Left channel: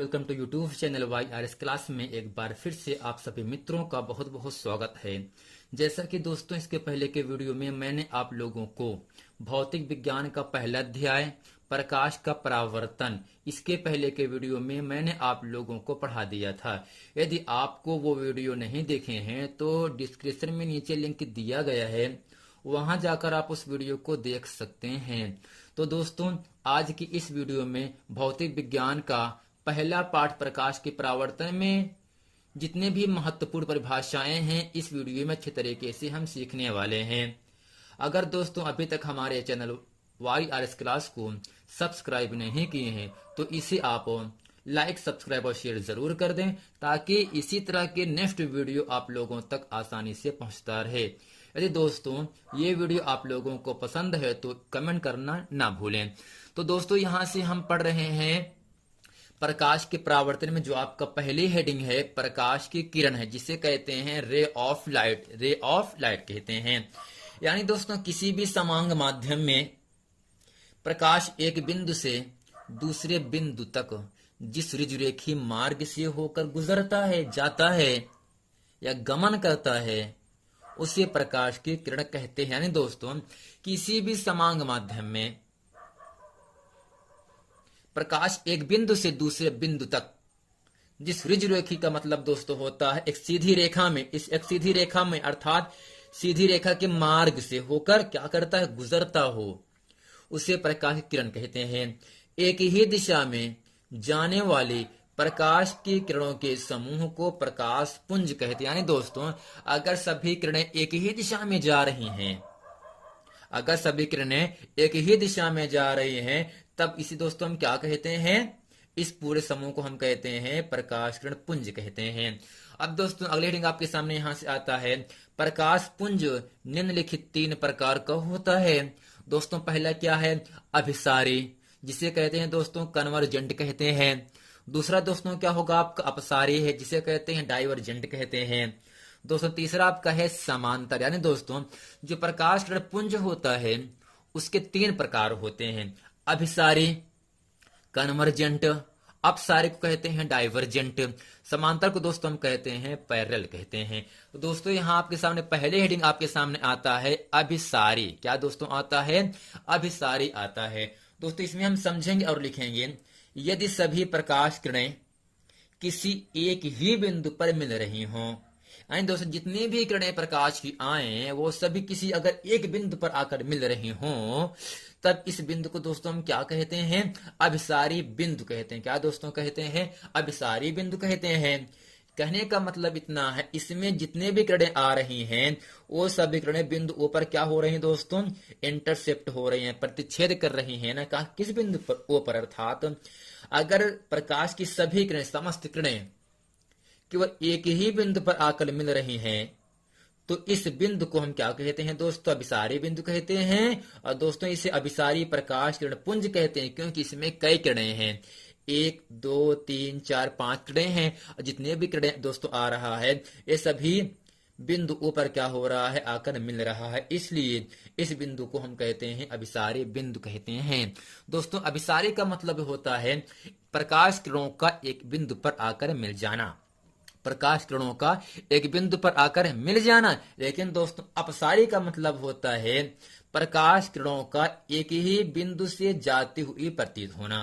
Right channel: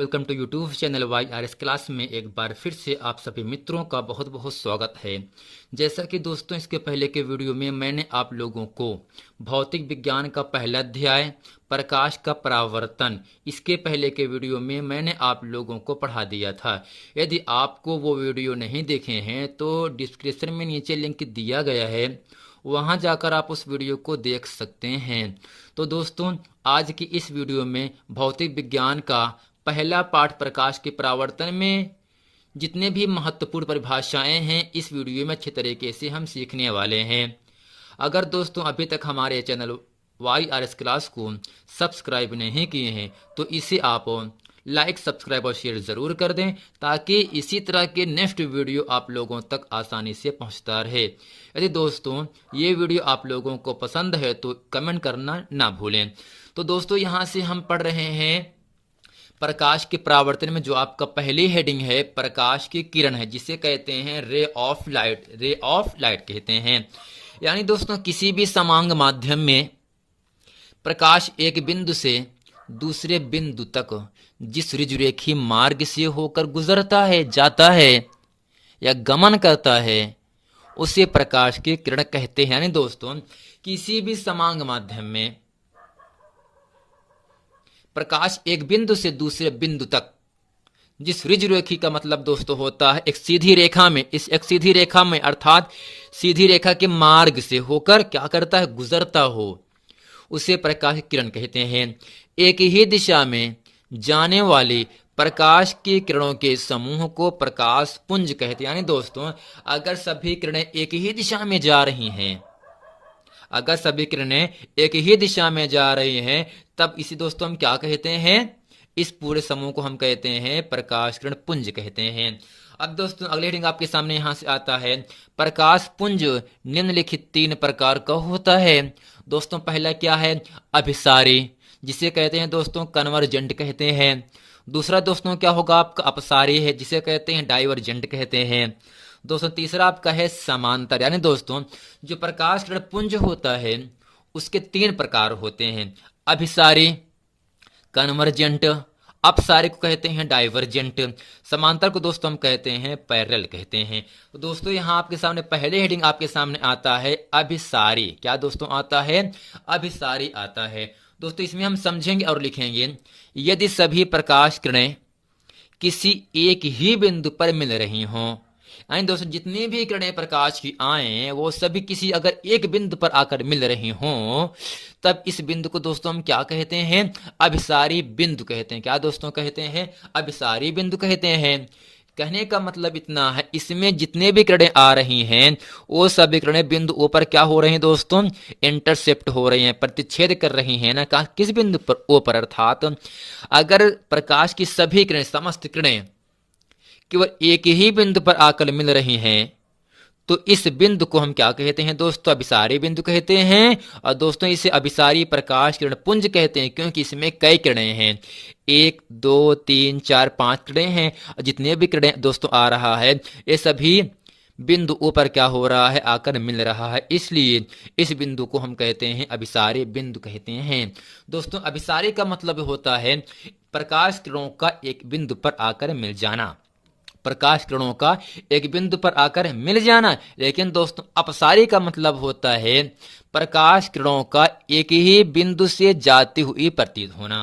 Welcome to YouTube channel Y R S class में एक बार फिर से आप सभी मित्रों का बहुत बहुत स्वागत है। जैसा कि दोस्तों इसके पहले के वीडियो में मैंने आप लोगों को भौतिक विज्ञान का पहला अध्याय प्रकाश का परावर्तन, इसके पहले के वीडियो में मैंने आप लोगों को पढ़ा दिया था। यदि आपको वो वीडियो नहीं देखे हैं तो डिस्क्रिप्शन में नीचे लिंक दिया गया है, वहां जाकर आप उस वीडियो को देख सकते हैं। तो दोस्तों आज की इस वीडियो में भौतिक विज्ञान का पहला पाठ प्रकाश के परावर्तन में जितने भी महत्वपूर्ण परिभाषाएं हैं इस वीडियो में अच्छे तरीके से हम सीखने वाले हैं। अगर दोस्तों अभी तक हमारे channel Y R S class को सब्सक्राइब नहीं किए हैं तो इसे आप लाइक, सब्सक्राइब और शेयर जरूर कर दें ताकि इसी तरह के नेक्स्ट वीडियो आप लोगों तक आसानी से पहुंचता रहे। यदि दोस्तों ये वीडियो आप लोगों को पसंद है तो कमेंट करना ना भूलें। तो दोस्तों यहाँ से हम पढ़ रहे हैं प्रकाश के परावर्तन में जो आपका पहली हेडिंग है प्रकाश की किरण है, जिसे कहते हैं ray of light. Ray of light कहते हैं, यानी दोस्तों किसी भी समांग माध्यम में प्रकाश एक बिंदु से दूसरे बिंदु तक जिस ऋजुरेखी मार्ग से होकर गुजरता है, जाता है या गमन करता है उसे प्रकाश की किरण कहते हैं। यानी दोस्तों किसी भी समांग माध्यम में प्रकाश एक बिंदु से दूसरे बिंदु तक जिस ऋजुरेखी का मतलब दोस्तों होता है एक सीधी रेखा में, इस एक सीधी रेखा में अर्थात सीधी रेखा के मार्ग से होकर क्या करता है, गुजरता हो, उसे प्रकाश की किरण कहते हैं। एक ही दिशा में जाने वाली प्रकाश की किरणों के समूह को प्रकाश पुंज कहते हैं। यानी दोस्तों अगर सभी किरणें एक ही दिशा में जा रही हैं, अगर सभी किरणें एक ही दिशा में जा रही हैं तब इसी दोस्तों हम क्या कहते हैं, इस पूरे समूह को हम कहते हैं प्रकाश किरण पुंज कहते हैं। अब दोस्तों अगले हेडिंग आपके सामने यहां से आता है प्रकाश पुंज निम्नलिखित 3 प्रकार का होता है। दोस्तों पहला क्या है, अभिसारी, जिसे कहते हैं दोस्तों कन्वर्जेंट कहते हैं। दूसरा दोस्तों क्या होगा आपका अपसारी है, जिसे कहते हैं डाइवर्जेंट कहते हैं। दोस्तों तीसरा आपका है समांतर। यानी दोस्तों जो प्रकाश किरण पुंज होता है उसके 3 प्रकार होते हैं, अभिसारी, कन्वर्जेंट, अपसारी को कहते हैं डाइवर्जेंट, समांतर को दोस्तों हम कहते हैं पैरेलल कहते हैं। तो दोस्तों यहाँ आपके सामने पहले हेडिंग आपके सामने आता है अभिसारी। क्या दोस्तों आता है, अभिसारी आता है। दोस्तों इसमें हम समझेंगे और लिखेंगे, यदि सभी प्रकाश किरणें किसी एक ही बिंदु पर मिल रही हों, यानी दोस्तों जितनी भी किरणें प्रकाश की आए वो सभी किसी अगर एक बिंदु पर आकर मिल रही हों तब इस बिंदु को दोस्तों हम क्या कहते हैं, अभिसारी बिंदु कहते हैं। क्या दोस्तों कहते हैं, अभिसारी बिंदु कहते हैं। कहने का मतलब इतना है इसमें जितने भी किरणें आ रही हैं वो सभी किरणें बिंदु ओ पर क्या हो रही हैं दोस्तों, इंटरसेप्ट हो रही हैं, प्रतिच्छेद कर रही हैं ना, कहा किस बिंदु पर, ओ पर। अर्थात अगर प्रकाश की सभी किरणें, समस्त किरणें केवल एक ही बिंदु पर आकर मिल रही हैं तो इस बिंदु को हम क्या कहते हैं दोस्तों, अभिसारी बिंदु कहते हैं। और दोस्तों इसे अभिसारी प्रकाश किरण पुंज कहते हैं क्योंकि इसमें कई किरणें हैं, 1 2 3 4 5 किरणें हैं। जितने भी किरणें दोस्तों आ रहा है ये सभी बिंदु ऊपर क्या हो रहा है, आकर मिल रहा है, इसलिए इस बिंदु को हम कहते हैं अभिसारी बिंदु कहते हैं। दोस्तों अभिसारी का मतलब होता है प्रकाश किरणों का एक बिंदु पर आकर मिल जाना, प्रकाश किरणों का एक बिंदु पर आकर मिल जाना। लेकिन दोस्तों अपसारी का मतलब होता है प्रकाश किरणों का एक ही बिंदु से जाती हुई प्रतीत होना,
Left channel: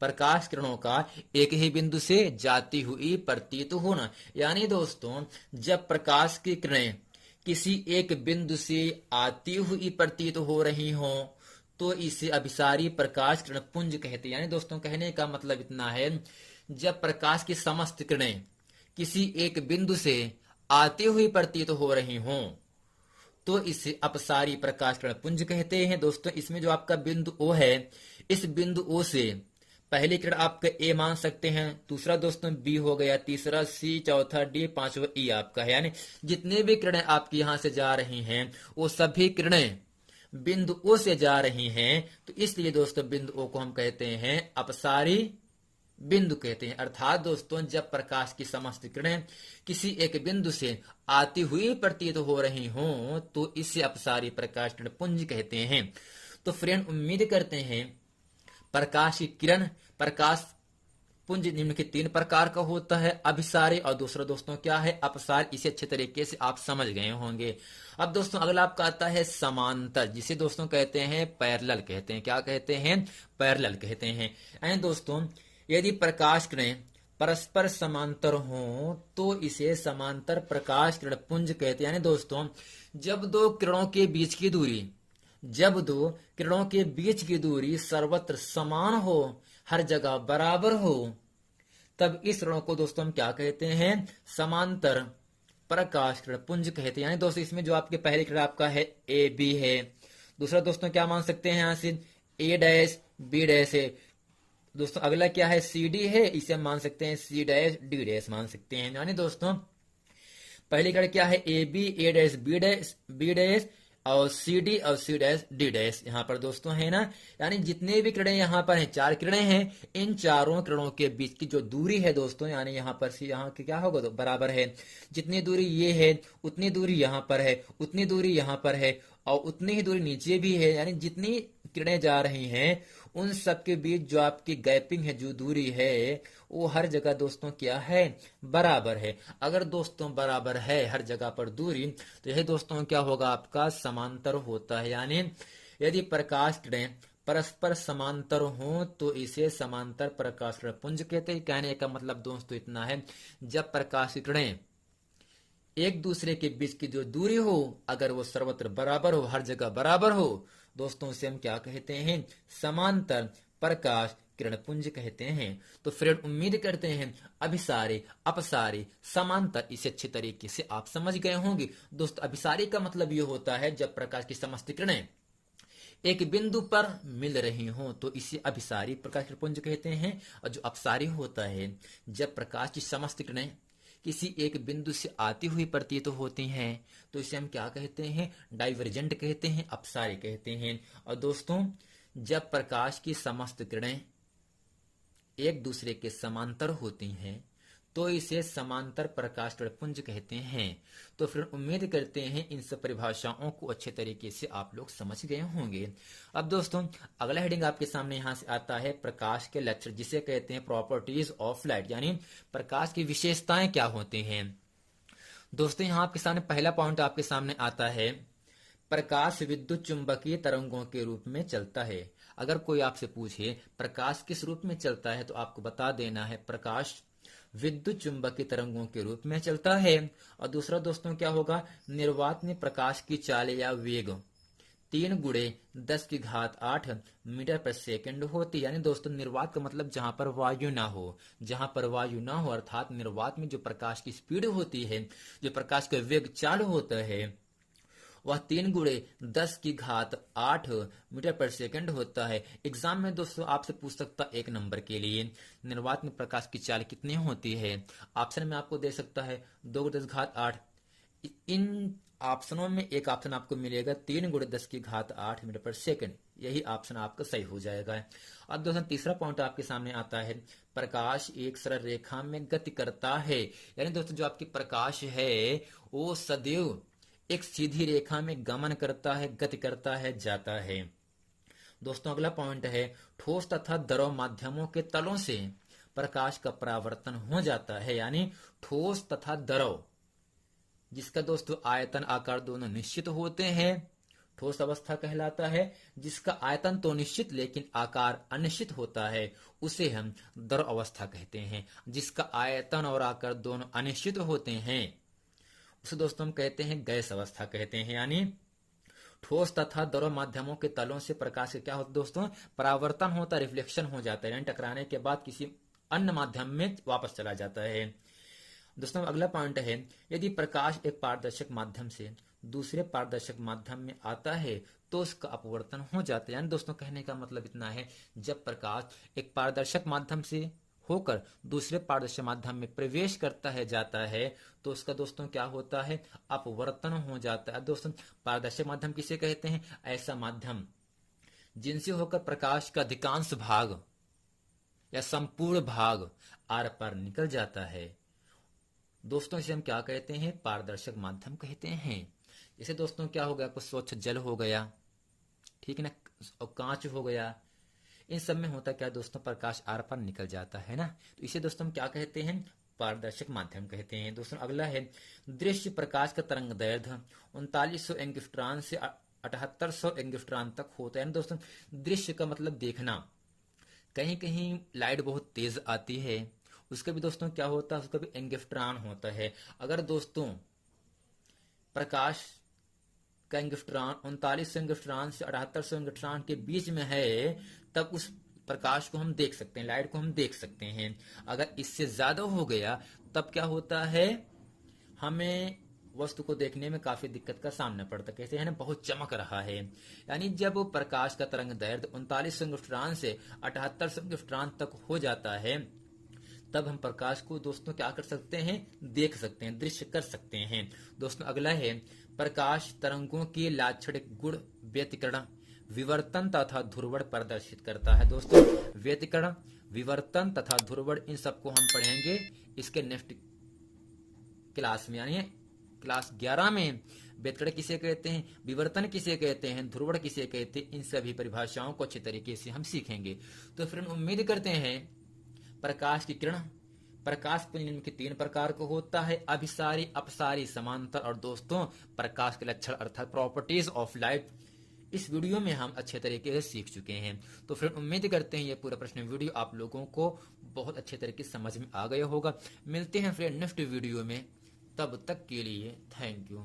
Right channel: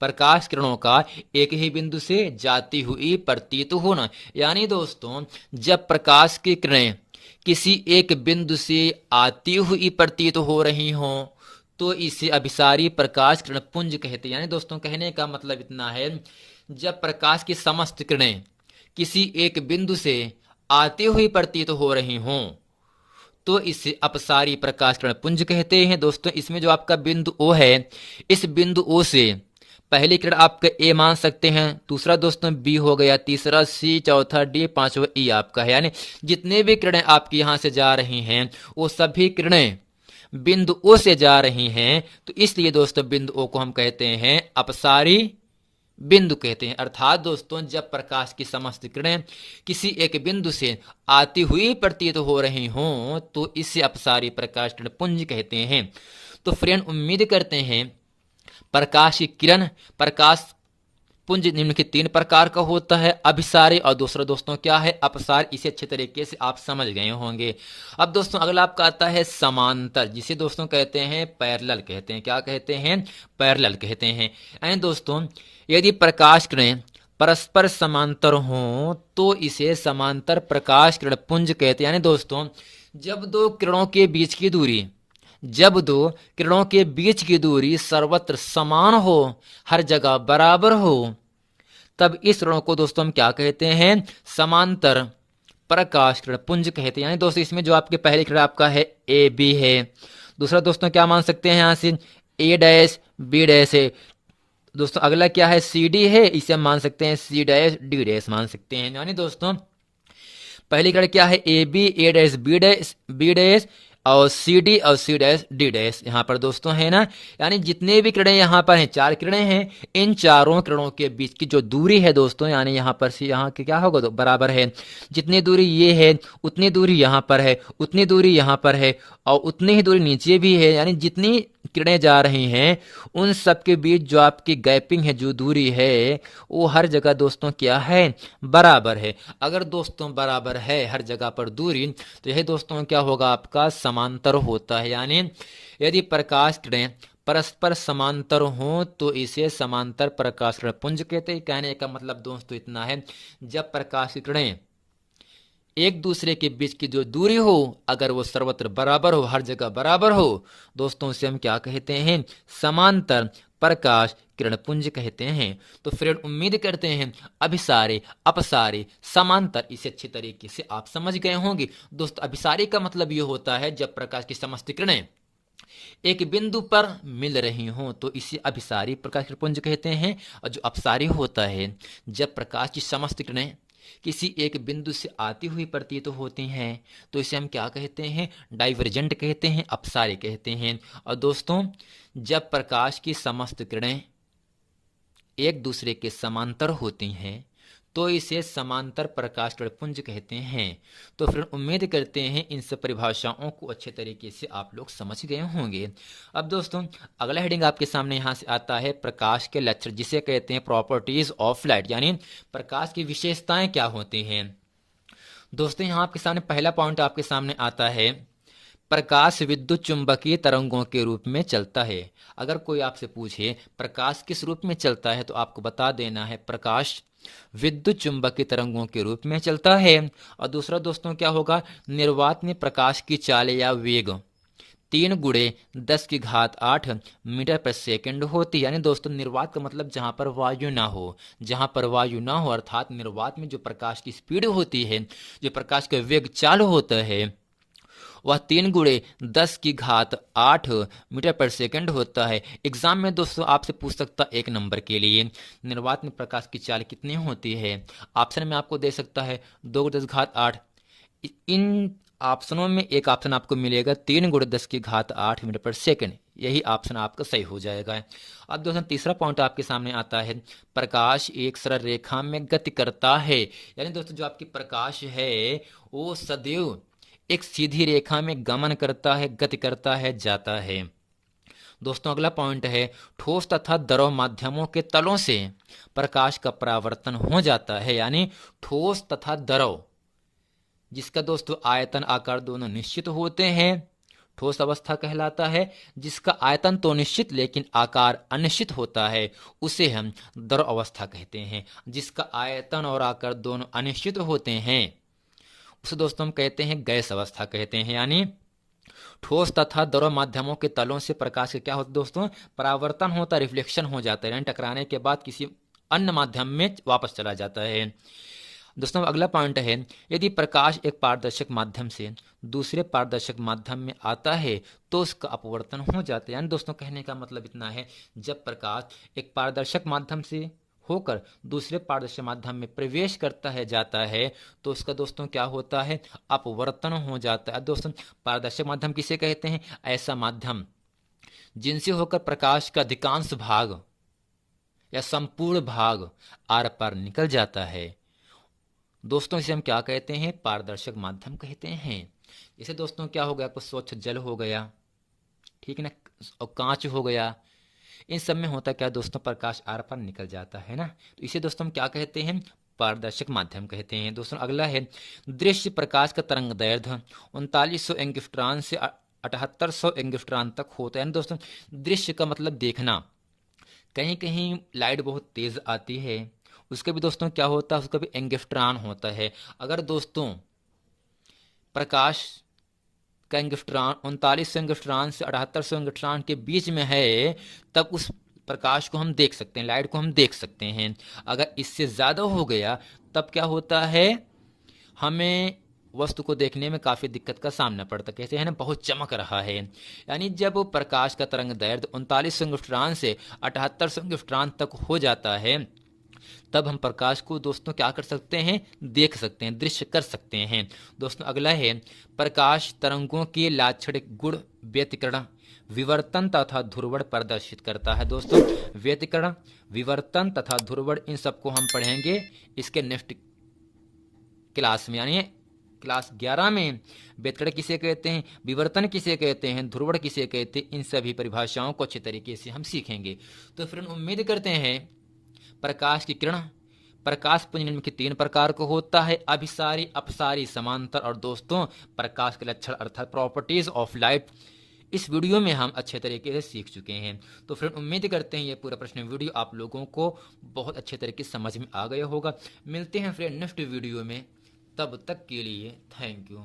प्रकाश किरणों का एक ही बिंदु से जाती हुई प्रतीत होना। यानी दोस्तों जब प्रकाश की किरणें किसी एक बिंदु से आती हुई प्रतीत हो रही हों तो इसे अभिसारी प्रकाश किरण पुंज कहते हैं। यानी दोस्तों कहने का मतलब इतना है, जब प्रकाश की समस्त किरणें किसी एक बिंदु से आती हुई प्रतीत हो रही हों तो इसे अपसारी प्रकाश किरण पुंज कहते हैं। दोस्तों इसमें जो आपका बिंदु ओ है, इस बिंदु ओ से पहली किरण आपका ए मान सकते हैं, दूसरा दोस्तों बी हो गया, तीसरा सी, चौथा डी, पांचवा ई आपका है। यानी जितने भी किरणें आपकी यहां से जा रही हैं वो सभी किरणें बिंदु ओ से जा रही हैं, तो इसलिए दोस्तों बिंदु ओ को हम कहते हैं अपसारी बिंदु कहते हैं। अर्थात दोस्तों जब प्रकाश की समस्त किरणें किसी एक बिंदु से आती हुई प्रतीत हो रही हों तो इसे अपसारी प्रकाश किरण पुंज कहते हैं। तो फ्रेंड उम्मीद करते हैं प्रकाश की किरण प्रकाश पुंज निम्नलिखित 3 प्रकार का होता है, अभिसारी और दूसरा दोस्तों क्या है, अपसार। इसे अच्छे तरीके से आप समझ गए होंगे। अब दोस्तों अगला आपका आता है समांतर, जिसे दोस्तों कहते हैं पैरेलल कहते हैं। क्या कहते हैं? पैरेलल कहते हैं। यानी दोस्तों यदि प्रकाश किरणें परस्पर समांतर हों तो इसे समांतर प्रकाश किरण पुंज कहते हैं। यानी दोस्तों जब दो किरणों के बीच की दूरी सर्वत्र समान हो, हर जगह बराबर हो, तब इस किरणों को दोस्तों हम क्या कहते हैं? समांतर प्रकाश किरण पुंज कहते हैं। यानी दोस्तों इसमें जो आपके पहले किरण आपका है ए बी है, दूसरा दोस्तों क्या मान सकते हैं यहां से ए डैश बी डैश है, दोस्तों अगला क्या है सी डी है, इसे हम मान सकते हैं सी डैश डी डैश मान सकते हैं। यानी दोस्तों पहली किरण क्या है ए डैश बी डैश और सी डी और सी डैश डी डैश यहाँ पर दोस्तों है ना। यानी जितने भी किरणें यहाँ पर हैं, 4 किरणें हैं, इन चारों किरणों के बीच की जो दूरी है दोस्तों, यानी यहाँ पर से यहाँ के क्या होगा तो बराबर है। जितनी दूरी ये है उतनी दूरी यहाँ पर है, उतनी दूरी यहाँ पर है और उतनी ही दूरी नीचे भी है। यानी जितनी किरणें जा रही हैं उन सब के बीच जो आपकी गैपिंग है, जो दूरी है, वो हर जगह दोस्तों क्या है? बराबर है। अगर दोस्तों बराबर है हर जगह पर दूरी, तो यह दोस्तों क्या होगा? आपका समांतर होता है। यानी यदि प्रकाश किरणें परस्पर समांतर हों तो इसे समांतर प्रकाश किरण पुंज कहते हैं। कहने का मतलब दोस्तों इतना है, जब प्रकाश की किरणें एक दूसरे के बीच की जो दूरी हो, अगर वो सर्वत्र बराबर हो, हर जगह बराबर हो, दोस्तों उसे हम क्या कहते हैं? समांतर प्रकाश किरण पुंज कहते हैं। तो फ्रेंड उम्मीद करते हैं अभिसारी अपसारी समांतर इसे अच्छे तरीके से आप समझ गए होंगे। दोस्तों अभिसारी का मतलब ये होता है जब प्रकाश की समस्त किरणें एक बिंदु पर मिल रही हों तो इसे अभिसारी प्रकाश किरण पुंज कहते हैं। और जो अपसारी होता है जब प्रकाश की समस्त किरणें किसी एक बिंदु से आती हुई प्रतीत होती हैं तो इसे हम क्या कहते हैं? डाइवर्जेंट कहते हैं, अपसारी कहते हैं। और दोस्तों जब प्रकाश की समस्त किरणें एक दूसरे के समांतर होती हैं तो इसे समांतर प्रकाश किरण पुंज कहते हैं। तो फिर उम्मीद करते हैं इन सब परिभाषाओं को अच्छे तरीके से आप लोग समझ गए होंगे। अब दोस्तों अगला हेडिंग आपके सामने यहाँ से आता है प्रकाश के लक्षण, जिसे कहते हैं प्रॉपर्टीज ऑफ लाइट, यानी प्रकाश की विशेषताएं क्या होती हैं। दोस्तों यहाँ आपके सामने पहला पॉइंट आपके सामने आता है, प्रकाश विद्युत चुंबकीय तरंगों के रूप में चलता है। अगर कोई आपसे पूछे प्रकाश किस रूप में चलता है तो आपको बता देना है प्रकाश विद्युत चुंबकीय तरंगों के रूप में चलता है। और दूसरा दोस्तों क्या होगा? निर्वात में प्रकाश की चाल या वेग 3 × 10⁸ मीटर पर सेकंड होती है। यानी दोस्तों निर्वात का मतलब जहां पर वायु ना हो, अर्थात निर्वात में जो प्रकाश की स्पीड होती है, जो प्रकाश का वेग चालू होता है, वह 3 × 10⁸ मीटर पर सेकंड होता है। एग्जाम में दोस्तों आपसे पूछ सकता 1 नंबर के लिए निर्वात में प्रकाश की चाल कितनी होती है। ऑप्शन में आपको दे सकता है 2 × 10⁸। इन ऑप्शनों में एक ऑप्शन आपको मिलेगा 3 × 10⁸ मीटर पर सेकंड, यही ऑप्शन आपका सही हो जाएगा। अब दोस्तों तीसरा पॉइंट आपके सामने आता है, प्रकाश एक सरल रेखा में गति करता है। यानी दोस्तों जो आपकी प्रकाश है वो सदैव एक सीधी रेखा में गमन करता है, गति करता है, जाता है। दोस्तों अगला पॉइंट है, ठोस तथा द्रव माध्यमों के तलों से प्रकाश का परावर्तन हो जाता है। यानी ठोस तथा द्रव, जिसका दोस्तों आयतन आकार दोनों निश्चित होते हैं, ठोस अवस्था कहलाता है। जिसका आयतन तो निश्चित लेकिन आकार अनिश्चित होता है, उसे हम द्रव अवस्था कहते हैं। जिसका आयतन और आकार दोनों अनिश्चित होते हैं उसे दोस्तों हम कहते हैं गैस अवस्था कहते हैं। यानी ठोस तथा द्रव माध्यमों के तलों से प्रकाश का क्या होता है दोस्तों? परावर्तन होता है, रिफ्लेक्शन हो जाता है, यानी टकराने के बाद किसी अन्य माध्यम में वापस चला जाता है। दोस्तों अगला पॉइंट है, यदि प्रकाश एक पारदर्शक माध्यम से दूसरे पारदर्शक माध्यम में आता है तो उसका अपवर्तन हो जाता है। यानी दोस्तों कहने का मतलब इतना है, जब प्रकाश एक पारदर्शक माध्यम से होकर दूसरे पारदर्शक माध्यम में प्रवेश करता है, जाता है, तो उसका दोस्तों क्या होता है? अपवर्तन हो जाता है। दोस्तों पारदर्शक माध्यम किसे कहते हैं? ऐसा माध्यम जिनसे होकर प्रकाश का अधिकांश भाग या संपूर्ण भाग आर पार निकल जाता है। दोस्तों इसे हम क्या कहते हैं? पारदर्शक माध्यम कहते हैं। जैसे दोस्तों क्या हो गया, कुछ स्वच्छ जल हो गया, ठीक है ना, और कांच हो गया, इन सब में होता क्या दोस्तों, प्रकाश आर पार निकल जाता है ना, तो इसे दोस्तों हम क्या कहते हैं, पारदर्शक माध्यम कहते हैं। दोस्तों अगला है दृश्य प्रकाश का तरंग दैर्ध्य 3900 एंगस्ट्रॉन से 7800 एंगस्ट्रॉन तक होता है। दोस्तों दृश्य का मतलब देखना, कहीं कहीं लाइट बहुत तेज आती है, उसका भी दोस्तों क्या होता है, उसका भी एंगस्ट्रॉन होता है। अगर दोस्तों प्रकाश का एंगस्ट्रॉन 3900 एंगस्ट्रॉन से 7800 एंगस्ट्रॉन के बीच में है, तब उस प्रकाश को हम देख सकते हैं, लाइट को हम देख सकते हैं। अगर इससे ज़्यादा हो गया तब क्या होता है, हमें वस्तु को देखने में काफ़ी दिक्कत का सामना पड़ता, कहते हैं ना बहुत चमक रहा है। यानी जब प्रकाश का तरंग दैर्ध्य 3900 एंगस्ट्रॉन से 7800 एंगस्ट्रॉन तक हो जाता है, तब हम प्रकाश को दोस्तों क्या कर सकते हैं, देख सकते हैं, दृश्य कर सकते हैं। दोस्तों अगला है प्रकाश तरंगों के लाक्षणिक गुण व्यतिकरण, विवर्तन तथा ध्रुवण प्रदर्शित करता है। दोस्तों व्यतिकरण, विवर्तन तथा ध्रुवण, इन सबको हम पढ़ेंगे इसके नेक्स्ट क्लास में, यानी क्लास 11 में। व्यतिकरण किसे कहते हैं, विवर्तन किसे कहते हैं, ध्रुवण किसे कहते हैं, इन सभी परिभाषाओं को अच्छे तरीके से हम सीखेंगे। तो फिर हम उम्मीद करते हैं प्रकाश की किरण, प्रकाश पुंज निम्न के 3 प्रकार का होता है, अभिसारी, अपसारी, समांतर, और दोस्तों प्रकाश के लक्षण अर्थात प्रॉपर्टीज ऑफ लाइट इस वीडियो में हम अच्छे तरीके से सीख चुके हैं। तो फिर उम्मीद करते हैं ये पूरा प्रश्न वीडियो आप लोगों को बहुत अच्छे तरीके से समझ में आ गया होगा। मिलते हैं फिर नेक्स्ट वीडियो में, तब तक के लिए थैंक यू।